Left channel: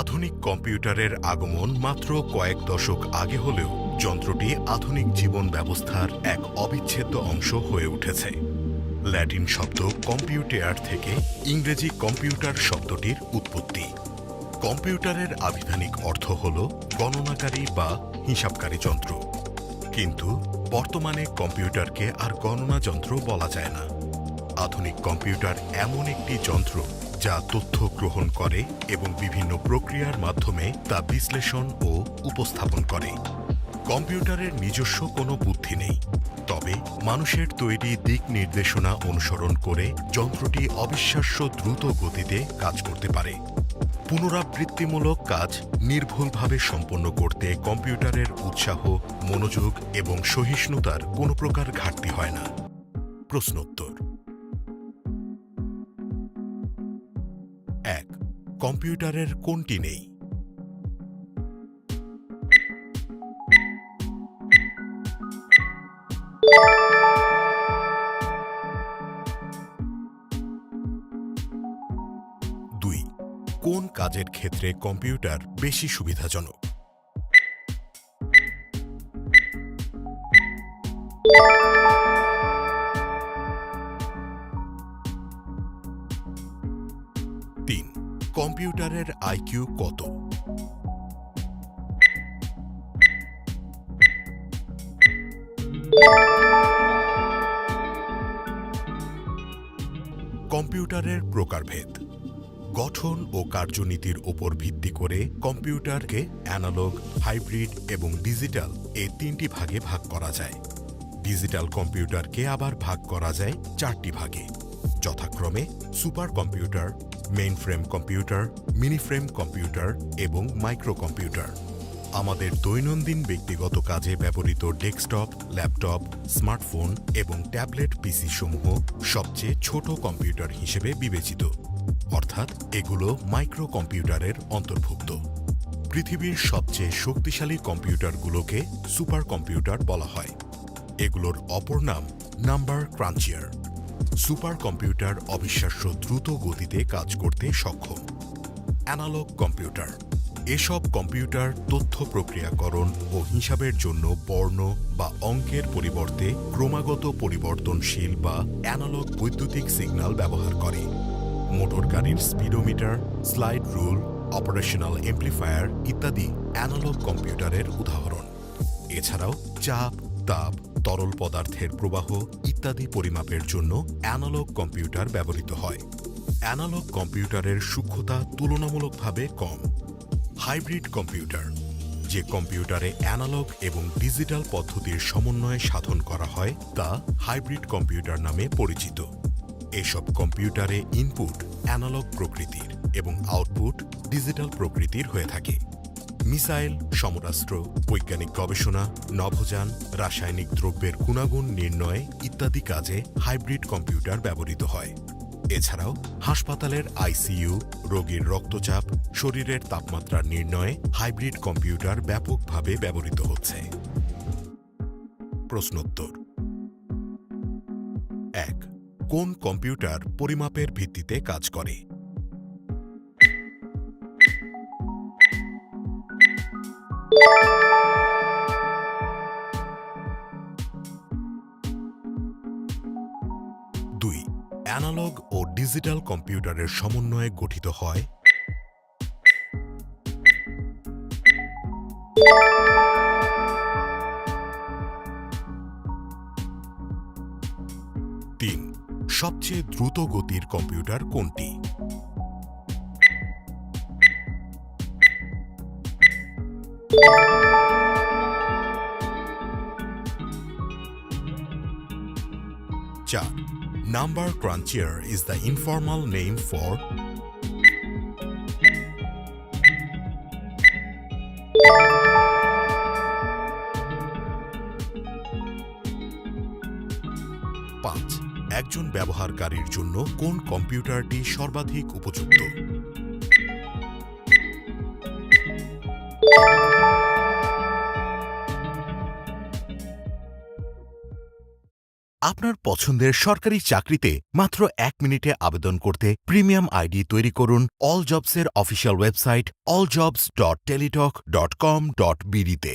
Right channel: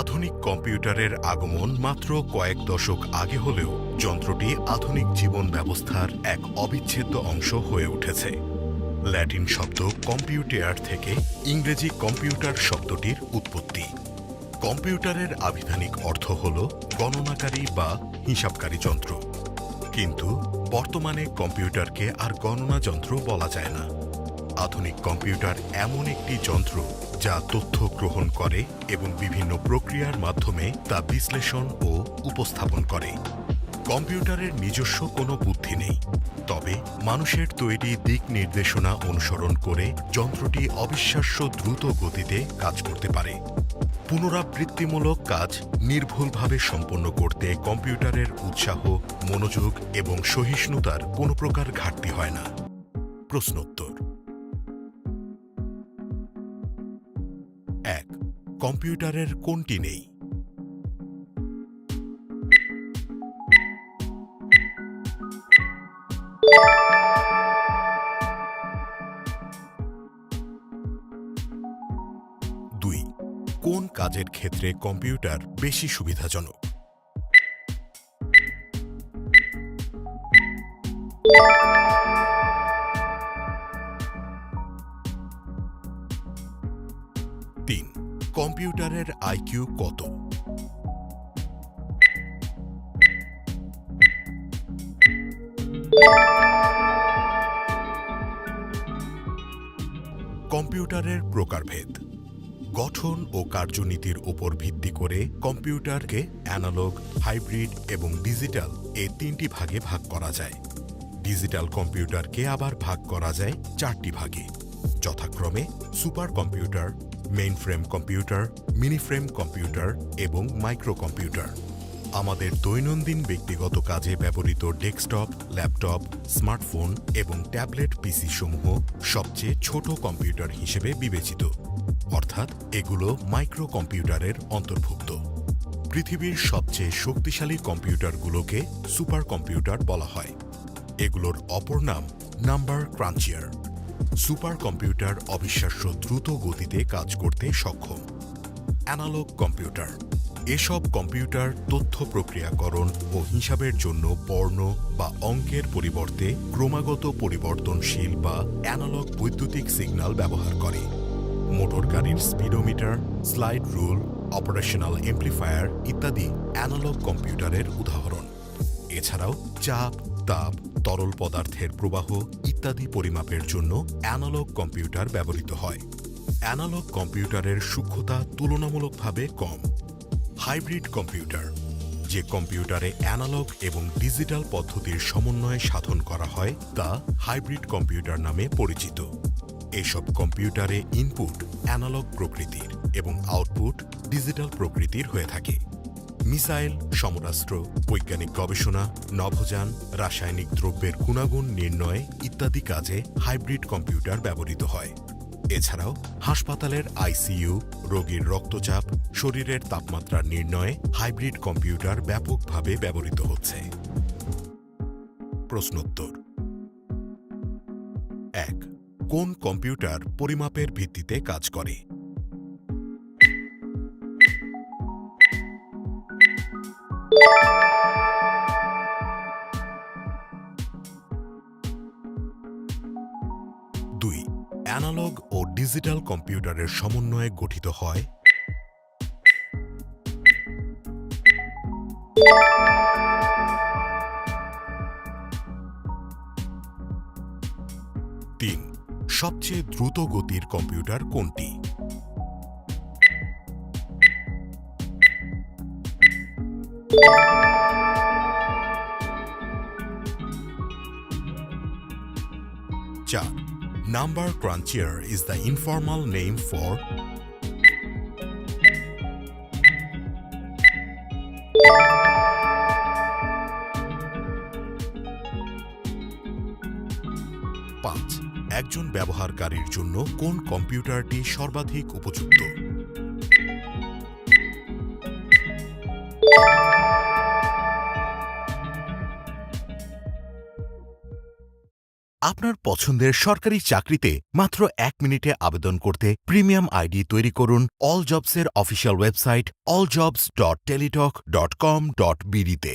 আধুনিক কম্পিউটারের আগমন মাত্র কয়েক দশক আগে হলেও যন্ত্রটি আধুনিক জীবন ব্যবস্থার এক অবিচ্ছেদ্য অংশ হয়ে উঠেছে। ল্যাটিন শব্দ কম্পিউটেয়ার থেকে ইংরেজি কম্পিউটার শব্দটির উৎপত্তি। কম্পিউটারের আবিধানিক অর্থ হল গণনাকারী বা হিসাবকারী যন্ত্র। কিন্তু বর্তমানে কম্পিউটারকে আর গণনা যন্ত্র বলা যায় না। আধুনিক কম্পিউটার এমন একটি যন্ত্র যা তথ্য গ্রহণ করে এবং বিভিন্ন প্রক্রিয়ার মাধ্যমে তা বিশ্লেষণ ও উপস্থাপন করে। কম্পিউটারের নিজস্ব কোনো বুদ্ধি নেই, তবে মানুষের তৈরি দিক নির্দেশনা অনুসরণ করে যন্ত্রটি অবিশ্বাস্য দ্রুত গতিতে কাজ করতে পারে। পুনরাবৃত্তিমূলক কাজ নির্ভুলভাবে সম্পন্ন করতে কম্পিউটারের উৎসাহ, মনোযোগ এবং সহিষ্ণুতার কোনো প্রকার ঘাটতি হয় না। প্রশ্নোত্তর। ১. কম্পিউটারের কোনটি নেই? দুই, কোন কাজের ক্ষেত্রে কম্পিউটার বেশি সুবিধাজনক? তিন, কম্পিউটারের আইকিউ কত? কম্পিউটারের প্রকারভেদ। গঠন ও কার্যনীতির উপর ভিত্তি করে কম্পিউটারকে অ্যানালগ, হাইব্রিড এবং ডিজিটাল এই তিনটি ভাগে ভাগ করা যায়। ডিজিটাল কম্পিউটারকে আবার ভাগ করা যায় চারটি ভাগে, যথাক্রমে super computer, mainframe computer, miniframe computer এবং মাইক্রো কম্পিউটার। আমাদের দৈনন্দিন ব্যক্তিগত কাজে ব্যবহৃত ডেস্কটপ, ল্যাপটপ, স্মার্টফোন এবং ট্যাবলেট পিসি সমূহ সবচেয়ে ছোট কম্পিউটার হিসেবে বিবেচিত, অর্থাৎ এগুলো মাইক্রো কম্পিউটারের অন্তর্ভুক্ত। পৃথিবীর সবচেয়ে শক্তিশালী কম্পিউটারগুলোকে সুপার কম্পিউটার বলা হয়। এগুলোর অপর নাম নাম্বার ক্রাঞ্চিয়ার। সুপার কম্পিউটার অবিশ্বাস্য দ্রুত গতিতে কাজ করতে সক্ষম। Analog computer. এসব কম্পিউটার তথ্য প্রক্রিয়াকরণ ও হিসাবের জন্য বর্ণ বা অঙ্কের পরিবর্তে ক্রমাগত পরিবর্তনশীল বা অ্যানালগ বৈদ্যুতিক সিগন্যাল ব্যবহার করে। মোটর গাড়ির speedometer, slide rule, operational amplifier ইত্যাদি অ্যানালগ কম্পিউটারের উদাহরণ। এছাড়াও চাপ, তাপ, তরল পদার্থের প্রবাহ ইত্যাদি পরিমাপের জন্য অ্যানালগ কম্পিউটার ব্যবহৃত হয়। অ্যানালগ কম্পিউটারের সূক্ষ্মতা তুলনামূলকভাবে কম। হাইব্রিড কম্পিউটার, যে কম্পিউটারে অ্যানালগ এবং ডিজিটাল পদ্ধতির সমন্বয়ে সাধন করা হয় তা হাইব্রিড কম্পিউটার নামে পরিচিত। এসব কম্পিউটারে ইনপুট অ্যানালগ প্রকৃতির এবং আউটপুট ডিজিটাল প্রকৃতির হয়ে থাকে। মিসাইল, সমরাস্ত্র, বৈজ্ঞানিক গবেষণা, নভোযান, রাসায়নিক দ্রব্যের গুণাগুণ নির্ণয় ইত্যাদি কাজে হাইব্রিড কম্পিউটার ব্যবহৃত হয়। এছাড়াও হাসপাতালের আইসিইউ, রোগীর রক্তচাপ, শরীরের তাপমাত্রা নির্ণয়ে হাইব্রিড কম্পিউটার ব্যাপকভাবে ব্যবহৃত হচ্ছে। প্রশ্নোত্তর। ১. কোন কম্পিউটার পরিমাপের ভিত্তিতে কাজ করে? দুই, অ্যানালগ ও ডিজিটাল কম্পিউটারের সমন্বয়ে গঠিত হয়। তিন, সবচেয়ে দ্রুত গতির কম্পিউটার কোনটি? চার, Number crunchier is the informal name for পাঁচ, একজন ব্যবহারকারীর জন্য কোন কম্পিউটারটি সর্বাধিক উপযুক্ত? আপনার পছন্দের সরকারি চাকরিতে মাত্র 1 মিনিটে আবেদন করতে প্রিমিয়াম আইডি তৈরি করুন অল জবসের অফিসিয়াল ওয়েবসাইট alljobs.teletalk.com.bd তে।